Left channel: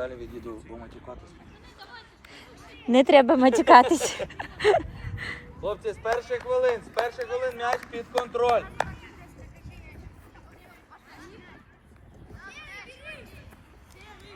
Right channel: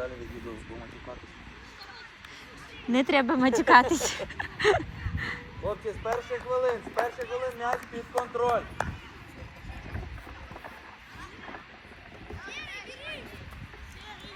далі відійду з матюкатись. Не треба матюкатись. Хлопці, з перших хвилин, з перших хвилин м'яч під контроль.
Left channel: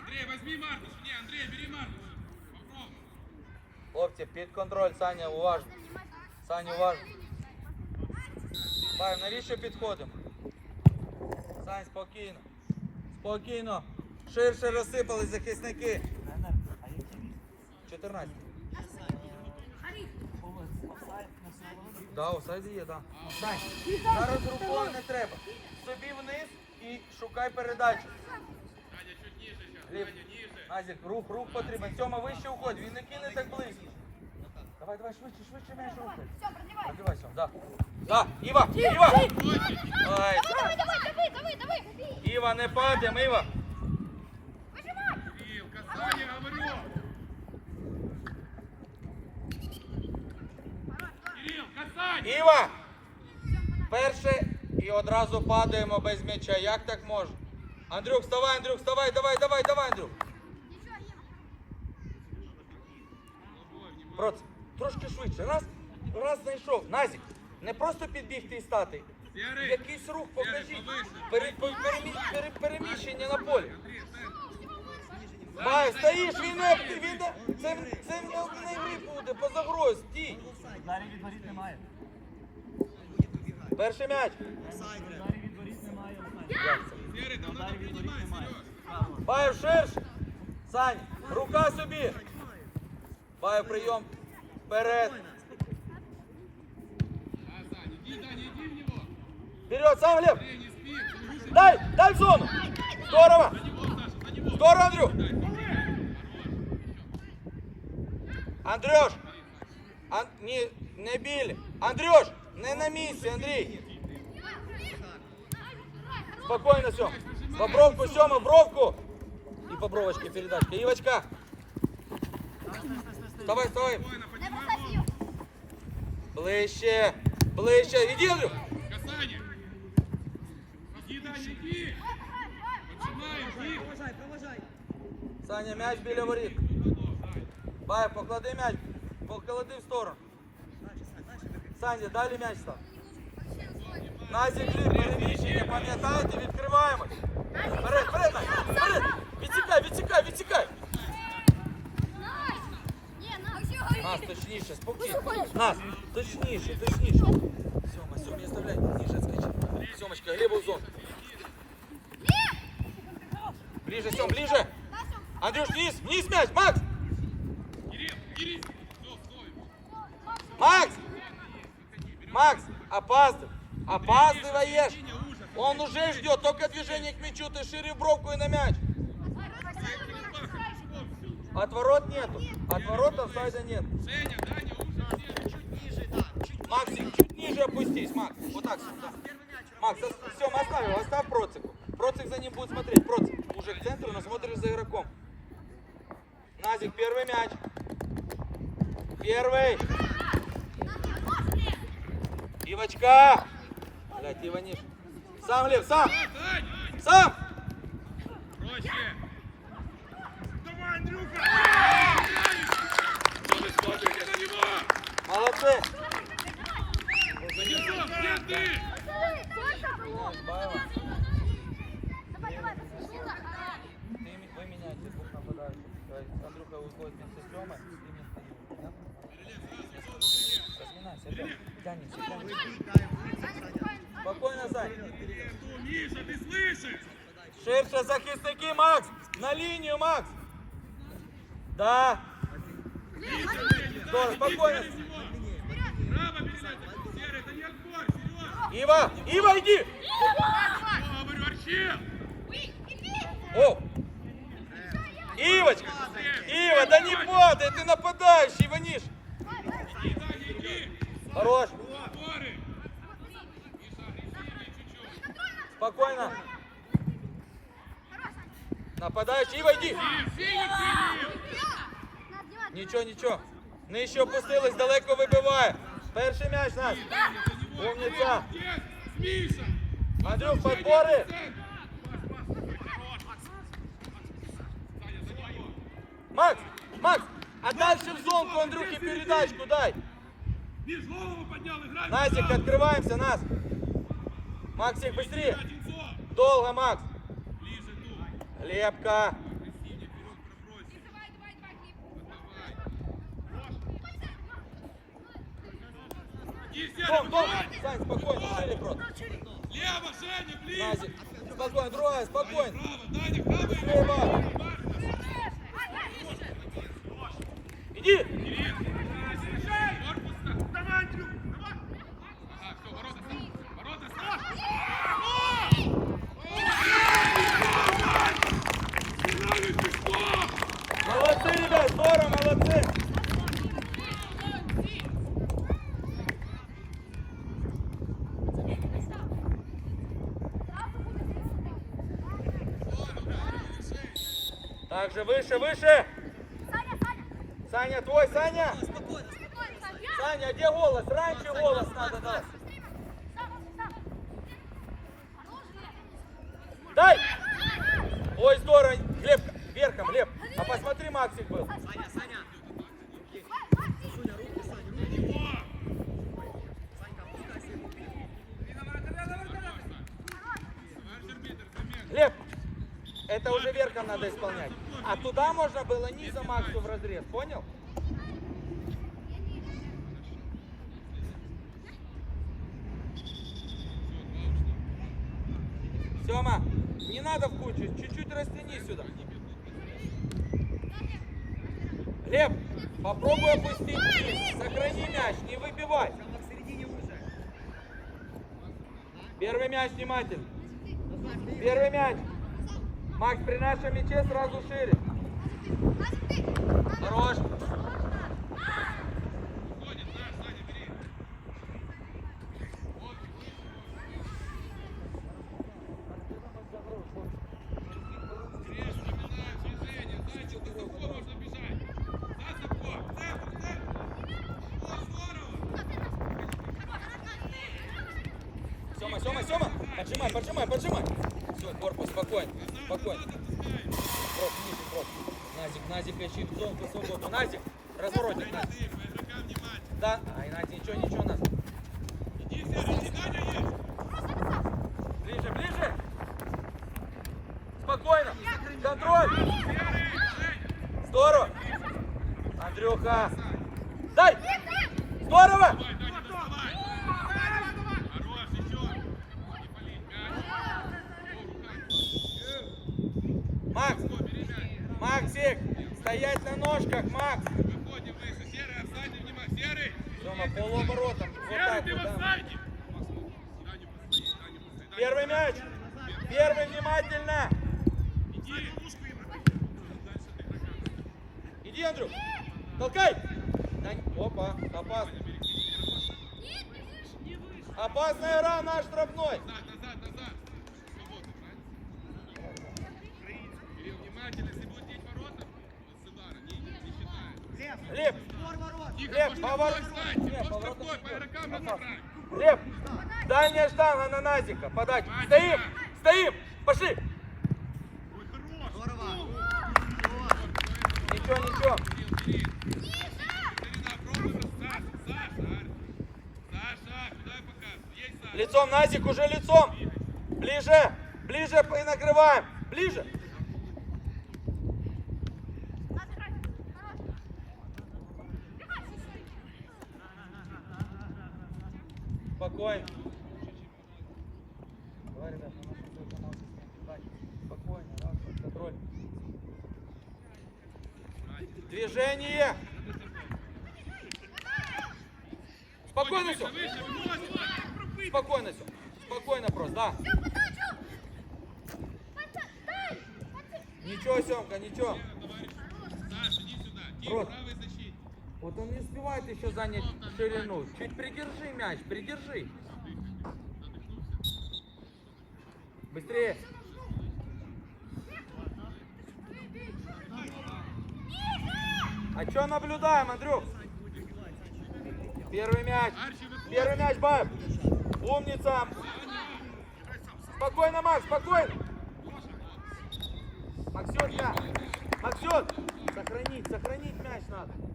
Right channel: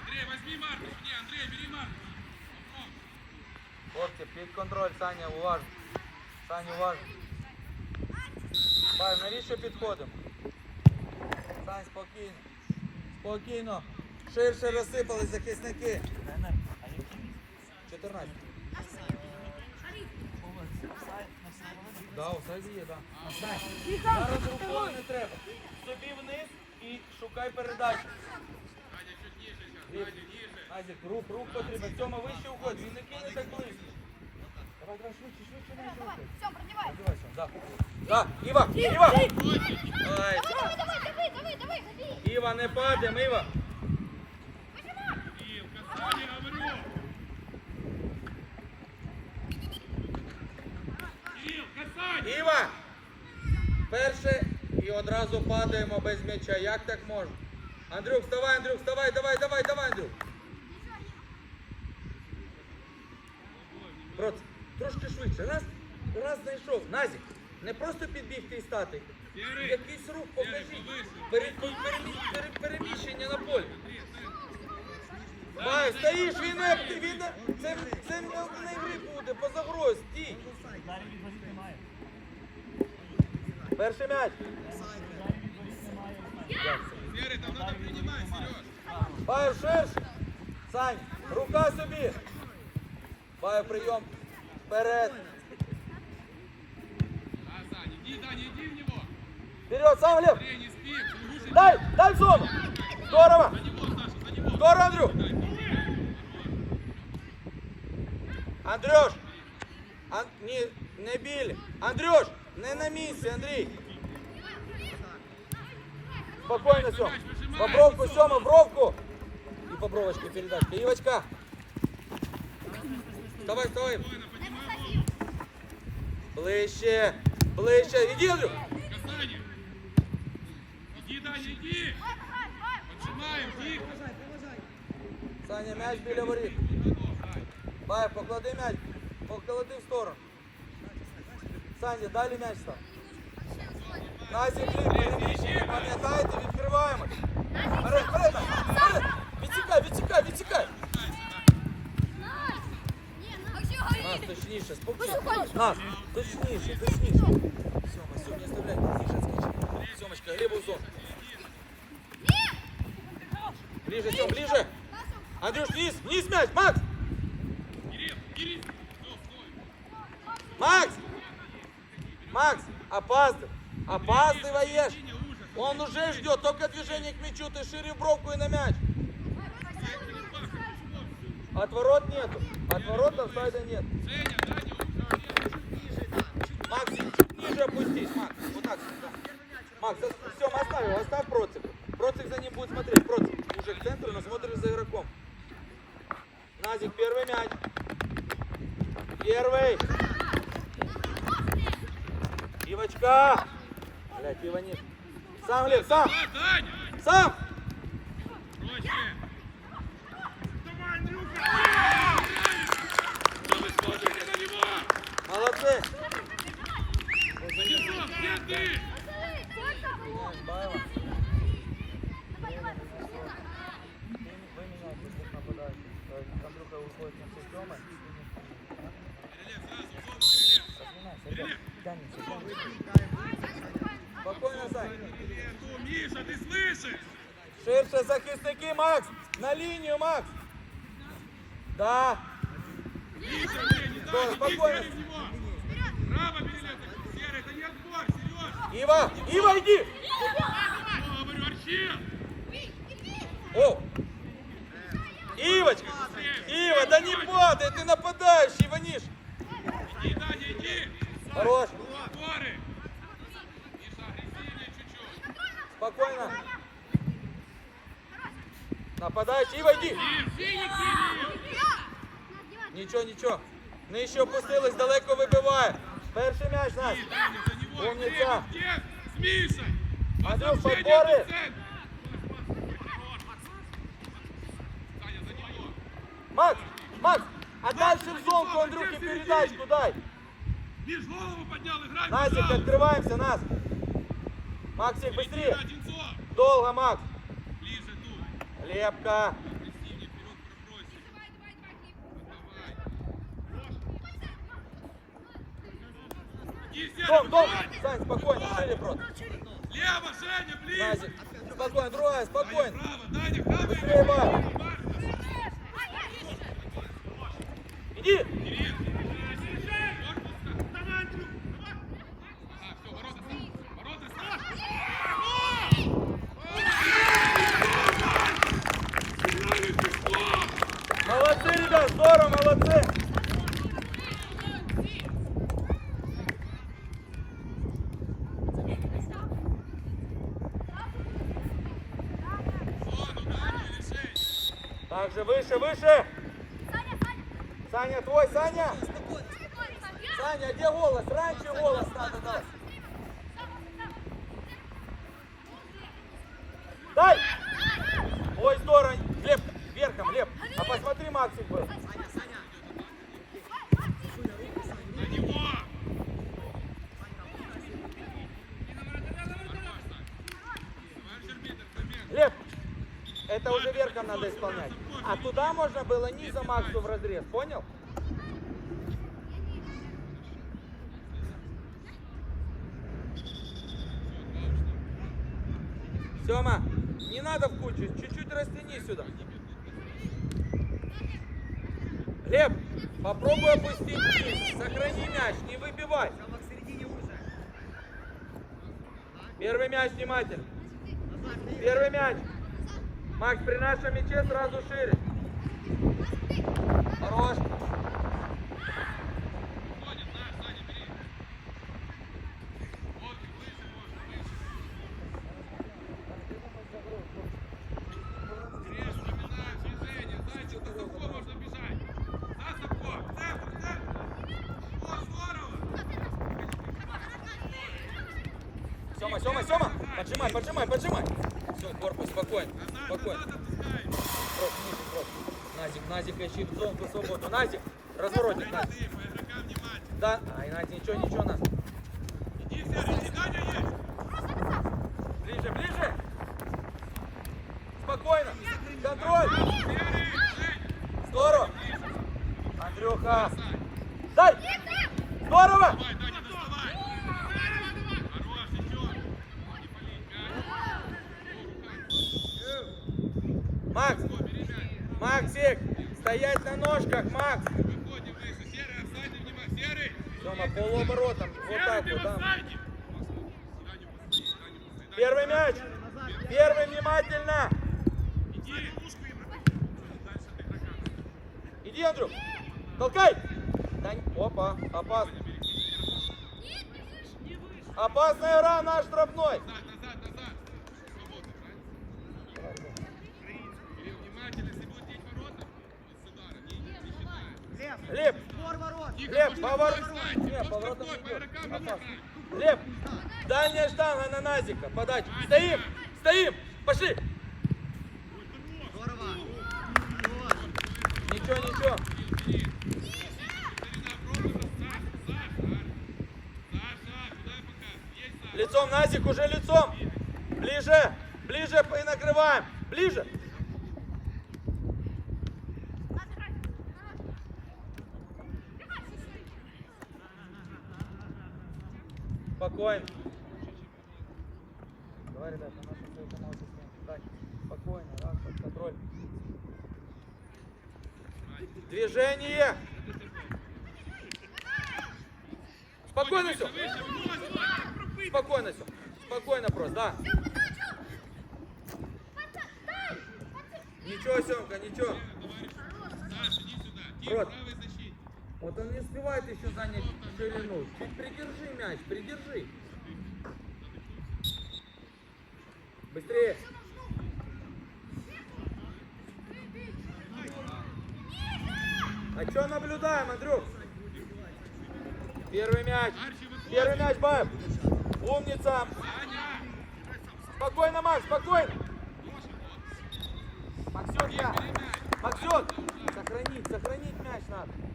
Андрей, возьми Маркус. Не, Андрей, бери Маркус. Хлопці, під контроль, Саня, уважно. Саня, уважно. Сань, навіщо підходимо? Сань, спокійно. Спокійно. Ширше розсипались захисники. 14. Да, офсайд є, да. Зараз рукою не треба. Собі вниз і шукай передачу. Азік, рух, рух потрібен. Тьома вище уходь, він не кине так близько. Давай, давай, швидше, швидше, не швидше. Все, продевай. Пробивай, Сьом, да. Да, Іва, Іва! Ай, Давай, давай, давай, давай, давай. Іва, не падаємо, Іва. Іва! Перше і одразу падаємо без м'яча. Як так може? Андрюк, вставай, Андрюк, вставай, давай, давай, давай, Андрюк. Проц, трошки швидше. Раз, раз знайшов. Назік, не просто підбігти і стати. Серый. Якийсь рух Серый, покажіть. повыше. Пере- пере- перемі- пере- Переміщення на полі. Андрей, центр. Давай, стоїш, він не, він не, це, це не, не гри буде, по загрозі, стій. Ударів від воріт немає. Перший м'яч. Ударів від воріт немає. Серый, там надо Ударів від воріт принимать, немає. Сереж. Право. Баю ширше. Сань, рука собі. Баю прийом. Вперед. Да, Сань, иди, Даня, иди в него. Вперед, сам Глеб. Андрей, не спи. Выше. Дай, дай в зону. Здорово. За него, Саша, за него. Здорово, Андрюх. Дай, Хорош. Андрюш. Ан... Ні, не біль. Андрюш, не на місці, Андрій. Спокійно, все. По бровку, Сьома, бровку. І по бровочке передачка. Івочка. Вставай, вставай. Спокойно, поднимай голову. Ближче, ближче. Іди, Андрюх. Саня, м'яч біля воріт. Бай, поклади м'яч. Поклади в сторону. Саня, далі м'яч став. Назі, пам'ятаєте, відкриваємо. Вперед, вперед, вперед. Відсікай, відсікай, відсікай. Нас точніше, спокійно. Нас, точніше, точніше. Все, все, не оставляй, тише, скачи. Сьомочка, Глеба в зону. Ближе, Сем, ближе. Андрюш, вниз, вниз мяч, Макс. Кирилл, Кирилл. Стой, стой. Макс! Макс, опаздывай. Опаздываешь. Он уже ждет, только движение к мячу, ты шире бровку и на мяч. Все. От нет. От ворот офсайда нет. Женя, Даня, все. Макс, ниже Макс. Вот так. Макс, все, оставил, оставь против. Против за ним будет смотреть, против. Уже к центру, но смотришь за игроком. Назик, первый мяч. Первый. Ивочка. Блять. Сам, Глеб, сам. Да, Даня. Сам. Проще. Давай, Андрюха. Что ты смотришь на него? Молодцы. Одинцов, где ты? Давай, давай, быстрее. Спокойно, Сань. Что, Миша, ты слышишь? Ширше захисники, Макс! На линию, Макс! Да! Спокойно. Миш, голову поднял, играй. Назик, назад. открываемся, нас. Максик, быстрее. Долго, Макс. Ближе тут. Лепка. Давай. Сань, спокойно, Женя, просто. Лево, Женя, ближе. Спокойно, другая, Даня, спокойно. право, Даня, право. Иди. Корпус ставь. Давай, Андрюх, давай. Ага, все, ворота ставь. Ворота ставь. Сигналит, ты что? Молодцы, ребят, здорово, молодцы. Также выше, выше. Саня, Саня. Саня, твой, Саня. Спокойно, Саня. Я. Саня, где голос? Раньше голос надо дать. Сам, сам. Дай! Ой, здорово. Глеб, верхом, Глеб. А посмотри, Максик был. На него. Товарищ арбитр, момент. Глеб, это уже верхом надо исполнять. А туда можно было низом Максу в разрез, понял? Сема, не надо в кучу, чуть-чуть растяни сюда. Глеб, попробуй опустить вниз, сохрани мяч, не выбивай. Первый мяч внимательно. Первый мяч. Макс, при нашем мяче сразу шире. Хорош. Режь, напоминаю, движение. Зайчик, за Савко можно бежать. За Савко, в центр, в центр. О, здорово. Сема, Сема. Поджимай, поджимай, поджимай. Все, корпус, спокойно. Спокойно. Назик, ищи в зонку свободу. Назик, разворотик. Женя, ты, по игрокам внимательно. Да, ай, Назик, ничего, ничего, нас. Иди, Серый, иди, Даня есть. Ближе, ближе. Спокойно. Контроль. Здорово. Андрюха. Дай. Здорово. Давай, Даня, доставай. Хорош, еще. Не пали, мяч. О, руками. Макс, О, бери мяч. Максик, стоять на ножках, Макс. Выходим выше. Серый, офсайд, внимание. Серый. Есть полуоборота. Серый, ты в офсайде. Даню постои, Даню постои. Даня, Первый мяч. Первый внимательно. Иди. Дальше ты игрокам. Иди, Андрюх. Толкай. Дань. Опа, опасно. Опасная игра, наш штрафной. Назад, назад, назад. Свободно, правильно? Кирилл, внимательно, если будет деть ворота, с удара, не, не считает. Глеб, Тихо, Глеб, по штрафной поворот. встаньте, по штрафной, по игрокам разобрать. Глеб, дальняя штанга на Назика. Подать. Стоим, стоим. Пошли. Ничего, ничего. Кирилл, бери. Екатерина, пробуй, Саша, Саша, Арь. Саша, куда я показываю? Есть Саша. Лицом, Назик, уже лицом. Ближе, ближе и накрываем. Ближе. Спокойно. Давай, ребят. Спокойно, контроль. Движение. Спокойно Выше, все. выше, выше. Спокойно все. Спокойно просто, да. Ничего, Семка, ничего. Саша, иди сюда. Тим, Рот. правый защитник. Вот он не успевает еще занять ширину. Чуть придержи мяч, придержи. Быстрее. А что наблюдаем, Андрюк? Первый мяч. Первый мяч, Баев. Умница. Спокойно, Макс, спокойно. Максютка. Максют, сохрани сохранить, сохранить мяч надо.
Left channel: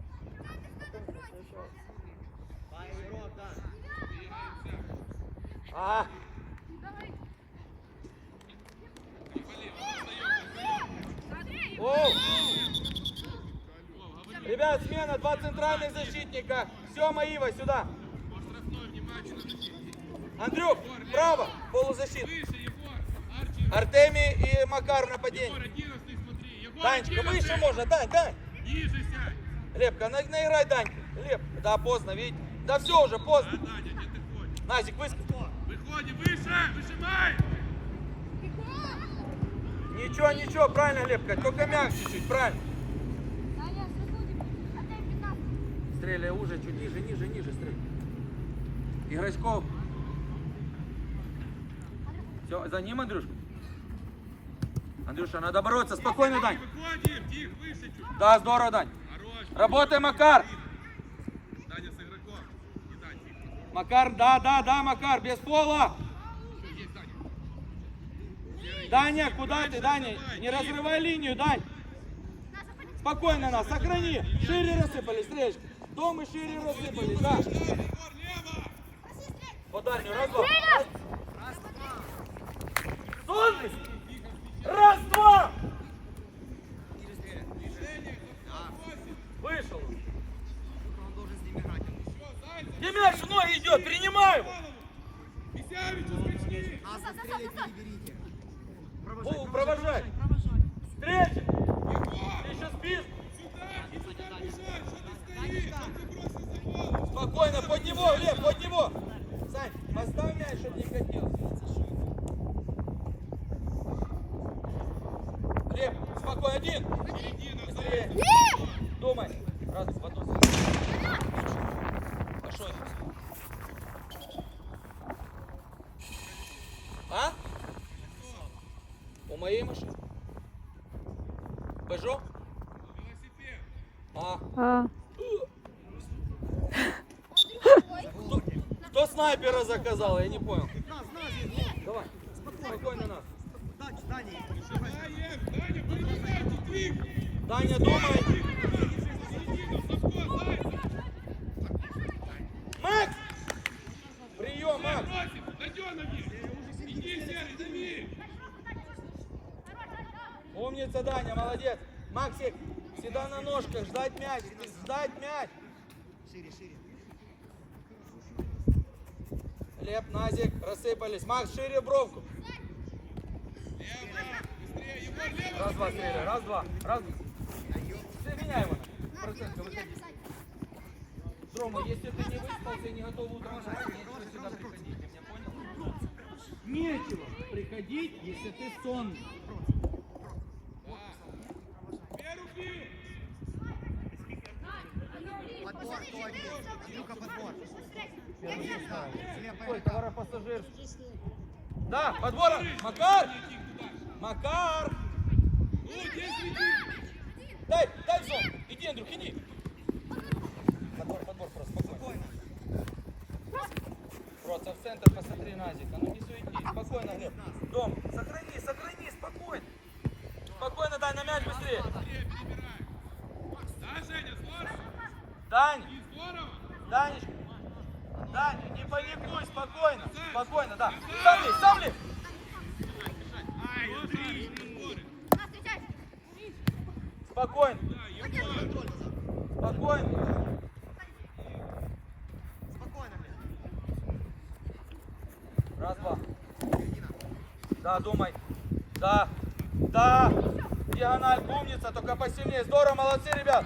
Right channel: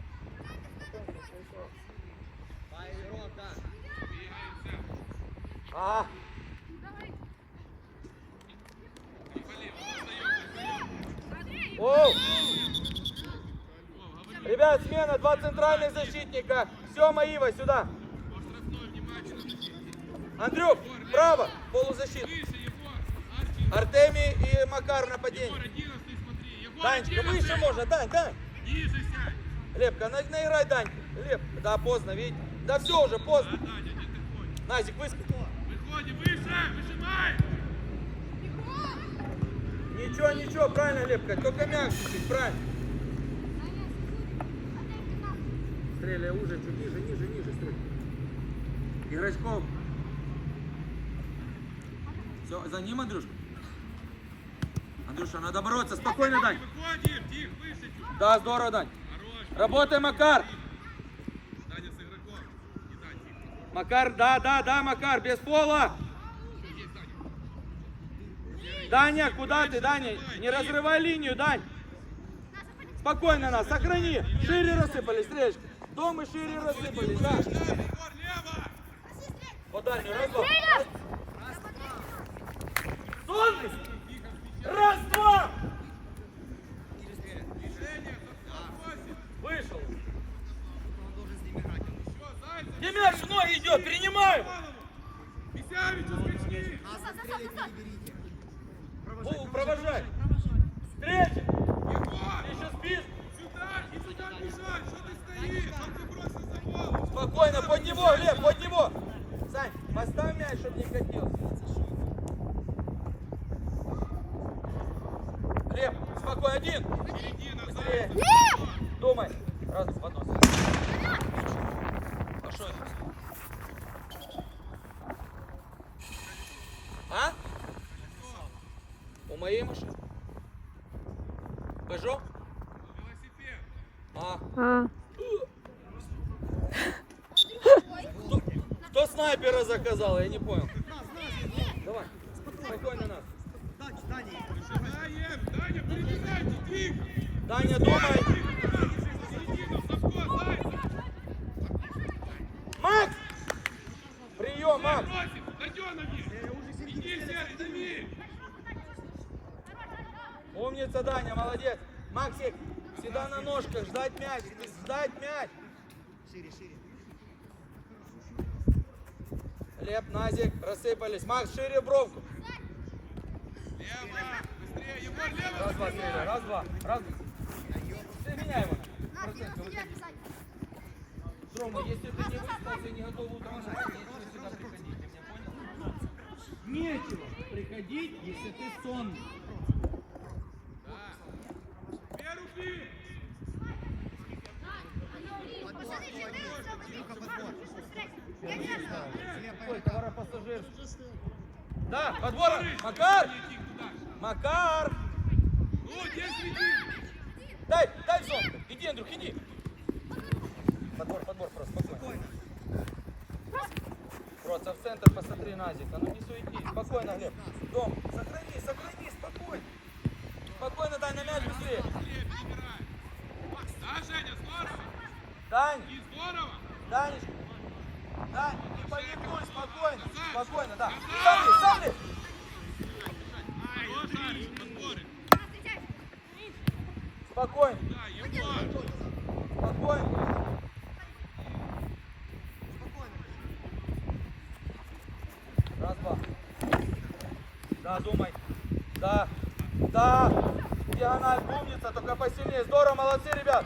Ага. Оу. Ребят, смена, два центральных защитника. Сема, Ива, сюда. Андрюк, право, полузащита. Артемий и Макар нападение. Егор, 11 смотри. Егор, Дань, 11. выше можно, Дань, Дань. Ниже сядь. Лепка, на, наиграй, Дань. Леп, да, поздно, видите? Да все уже, Да, поздно. Даня, где ты ходишь? Назик, выскочил. Выходи, выше, выжимай. Ничего, ничего, правильно, Лепка, только чуть-чуть, правильно. Стреляй уже, чуть ниже, ниже, ниже, стреляй. Играйсков. Все, за ним, Андрюшка. Андрюша, надо бороться, спокойно, Дань. Выходим, тихо, выше чуть. Да, здорово, Дань. Хорош. Работай, Макар. Даня с игроком. Не дай, тихо. Макар, да, да, да, Макар, без пола. Есть, Даня. Даня, куда ты, Даня? Не разрывай линию, Дань. Спокойно нас, сохрани. Шире рассыпались, стрелечка. Дома шире рассыпались, лево. По дальнюю, раз, два. Сонный! Раз, два! Вышел. В ноги идет, скачки. Вову, провожай. Встреча. Егор, Ты еще спишь? сюда, и сюда бежать. Что ты стоишь? Он тебя бросил за голову. Спокойно, под него, Лев, под него. Сань, поставь мяч, чтобы не катился. Лев, спокойно, один. Середина, Быстрее. Думай. Раз, потом. Пошел. А? У моей машины? Пежо? Велосипед. А. А, снайпера заказал? Я не понял. Давай. Спокойно нас. Даня, перебегайте, двиг. Таня, думай. Середину, Савко, Зайцев. Макс! Прием, Макс! Иди, Серый, дави. Умница, Даня, молодец. Максик, всегда на ножках, ждать мяч, ждать мяч. Леп, Назик, рассыпались. Макс, шире бровку. Раз, два, стреляй. Раз, два. Раз, два. Ты меняй его. Процентка, выходи. Рома, если ты не выспался и не готов утром спать, нечего сюда приходить. Ты меня понял? Нечего приходить, если ты сонный. Две руки. Ой, товаропассажир. Да, подбор. Макар! Макар! Здесь среди. Дай, дай сон. Иди, Андрюх, иди. Подбор, подбор просто, спокойно. Просто в центр посмотри, Назик. А ну не суетись. Спокойно, Глеб. Дом, сохрани, сохрани, спокойно. Спокойно, дай на мяч быстрее. Да, Женя. Дань, И здорово. Данечка. Дань, не паникуй, спокойно. Спокойно, да. Сами, сами. Спокойно, спокойно. Раз, два. Да, думай. Да. Да. Диагональ умница, только посильнее. Здорово, молодцы, ребят.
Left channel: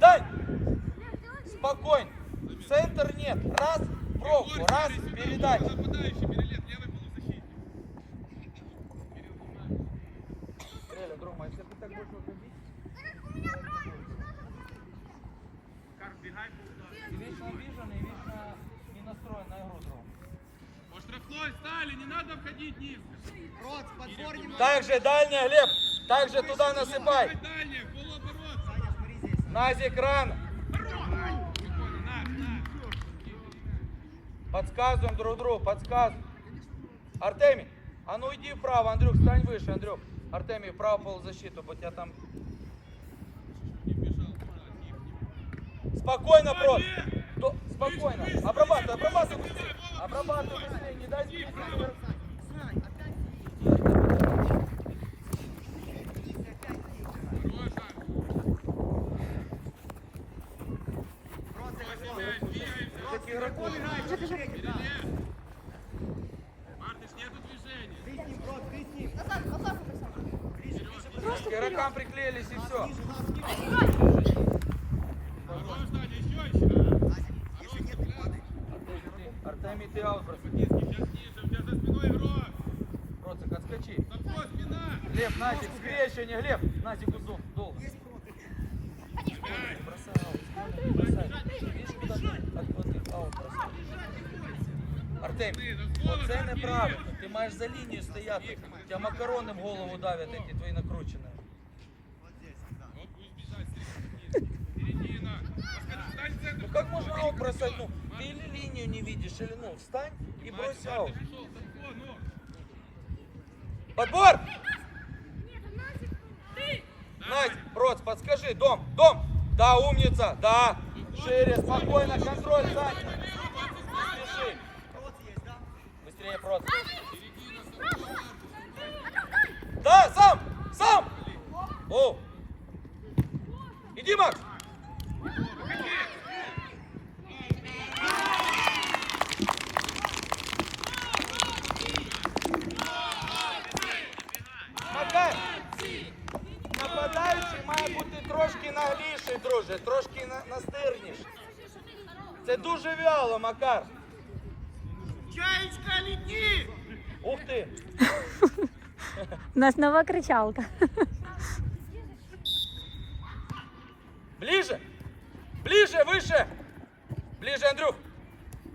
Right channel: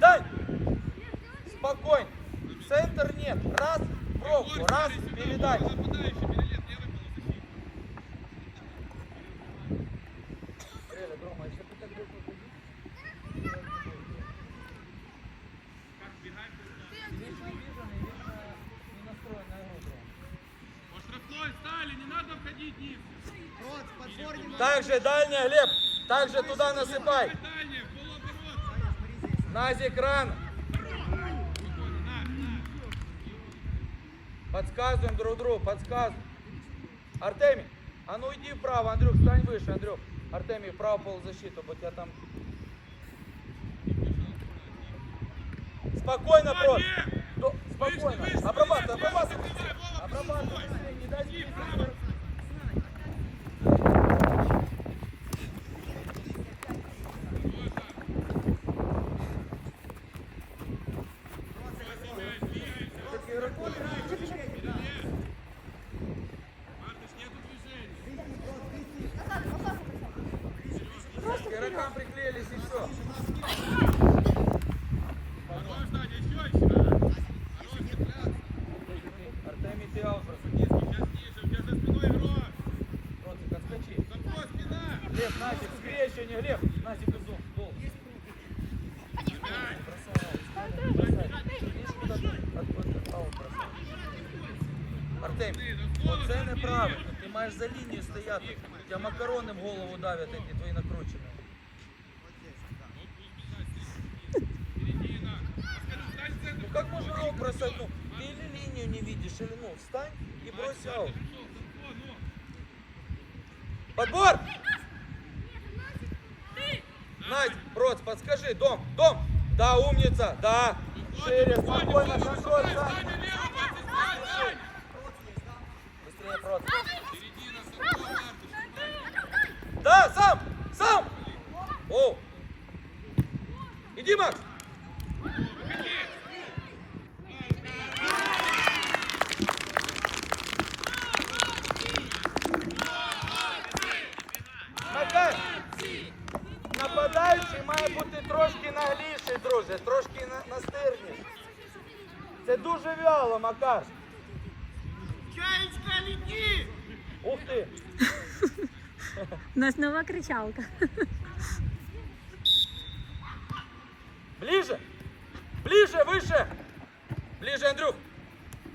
Дай. Спокойно. Центр нет. Раз. Егор, раз. Передай. Нападающий, перелет, левый полузащитник. По штрафной стали, не надо входить низко. Также дальняя, Лев. Также туда насыпай. Давай дальнее, в полуоборот. Назик ран. Спокойно, на, на. Подсказываем друг другу, подсказываем. Артемий, а ну иди вправо, Андрюх, стань выше, Андрюх. Артемий, вправо полузащиту, бо тебя там... Спокойно, просто. Спокойно. Обрабатывай, обрабатывай. Обрабатывай. Не дай Встань и брось Санко, ну. Подбор! Надь, Проц, подскажи, дом, дом. Да, умница, да. Макар. Чаєчка, лети! Ух ти! У нас нова кричалка. Ближе! Ближе, выше! Ближе, Андрюх!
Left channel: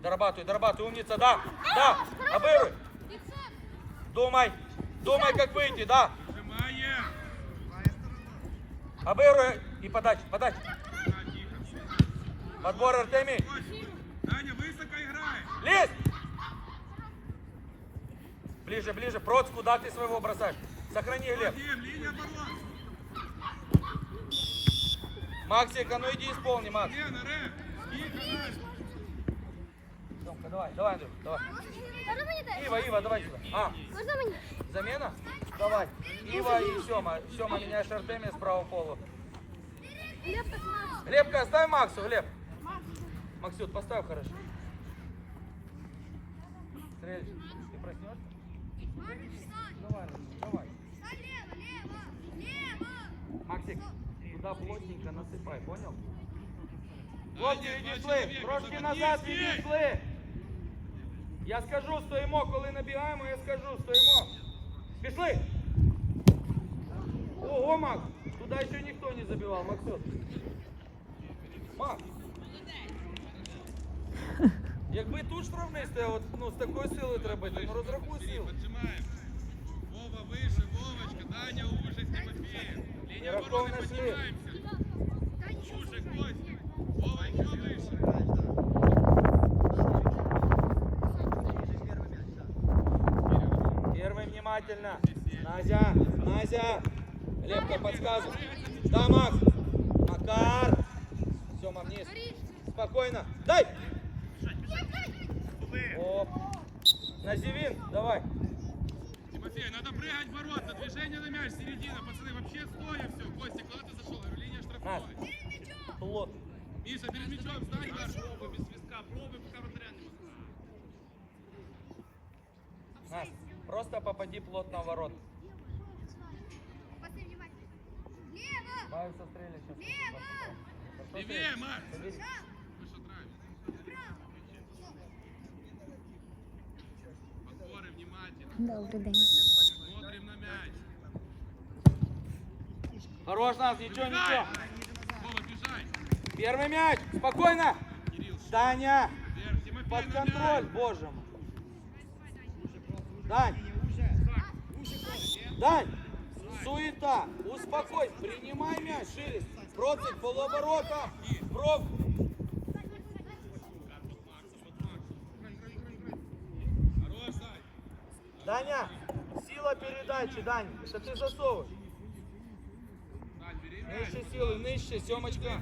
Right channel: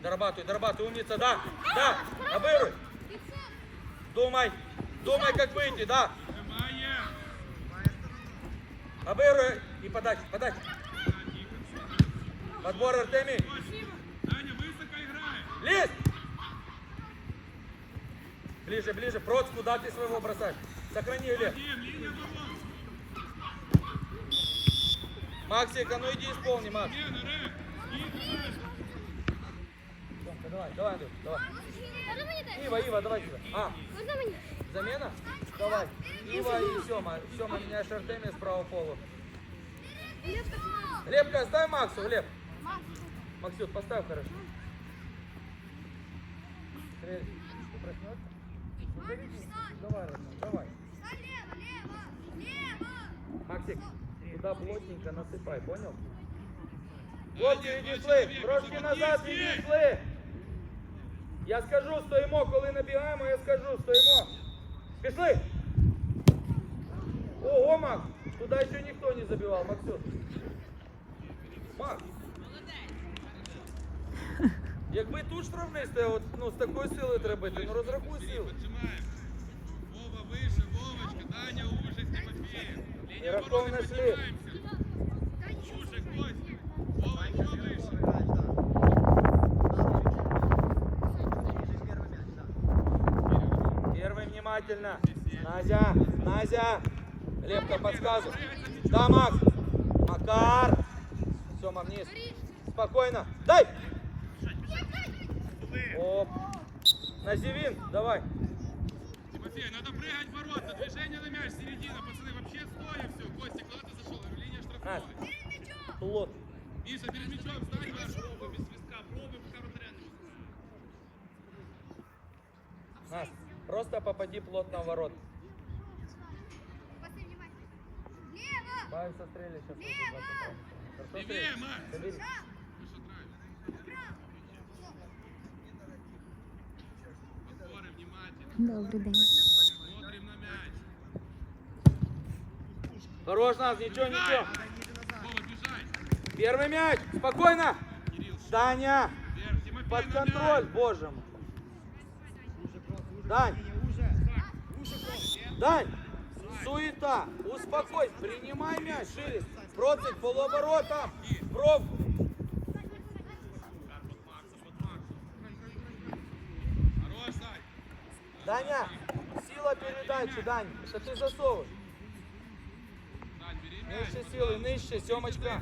Дорабатывай, дорабатывай, умница, да! Да! Обыгрывай! Думай! Думай, как выйти, да! Выжимаем. И подача, подача! Подбор Артемий! Даня, высоко Лезь! Ближе, ближе, Проц, куда ты своего бросаешь? Сохрани. Максик, а ну иди исполни, Макс. Лена, Рэм. Играй. Давай? Ива, Ива, давай. А? Замена? Давай. Ива и Сема. Сема меняешь Артемия справа полу. Я так маю. Глебка, оставь Максу. Макс. Максют, поставь хорошо. Можеш встань. Встань лево, лево, лево. Максик, туда плотненько насыпай, понял? Даня, Хлопці, два відійшли, человека, трошки замахнись, назад есть. відійшли. Я скажу, стоїмо, коли набігаємо, я скажу, стоїмо. Пішли. Ого, Макс, туда ще ніхто не забивав, Максим. Макс. Якби тут штрафний стояв, от, ну, з такою силою треба ну розрахуй силу. поджимаем. Вова выше, Вовочка, Даня уже, Тимофеев. Линия обороны, поднимаемся. Уже, Костя. Вова еще выше. Первый внимательно. Назя, Назя. Лепка подсказывай. Да, Макс. Макар. Сема вниз. Спокойно. Дай. Оп. Називин, давай. Тимофей, надо прыгать в Движение на мяч, середина. Пацаны, вообще стоя все. Костя, куда ты зашел? Говорю, линия штрафной. Плот. Миша, перед мячом встань, Ваш. Пробуй без свистка. Пробуй, пока вратаря не Настя, просто попади плотно в ворот. Лево, лево. Левее, Макс. Выше драйв. право. Подборы внимательно. Добрий день. Смотрим на мяч. Хорош, нас, ничего, ничего. Первый мяч. Спокойно. Кирилл, Даня. Под контроль, боже мой. Дань. Дань. Суета. Успокойся. Принимай мяч. Шире. Процик, полуоборота. Пробку. Сань. Даня, сила сила передачи, Дань. Что ты засовываешь? Сань, бери мяч. Нижче силы, нижче, Семочка.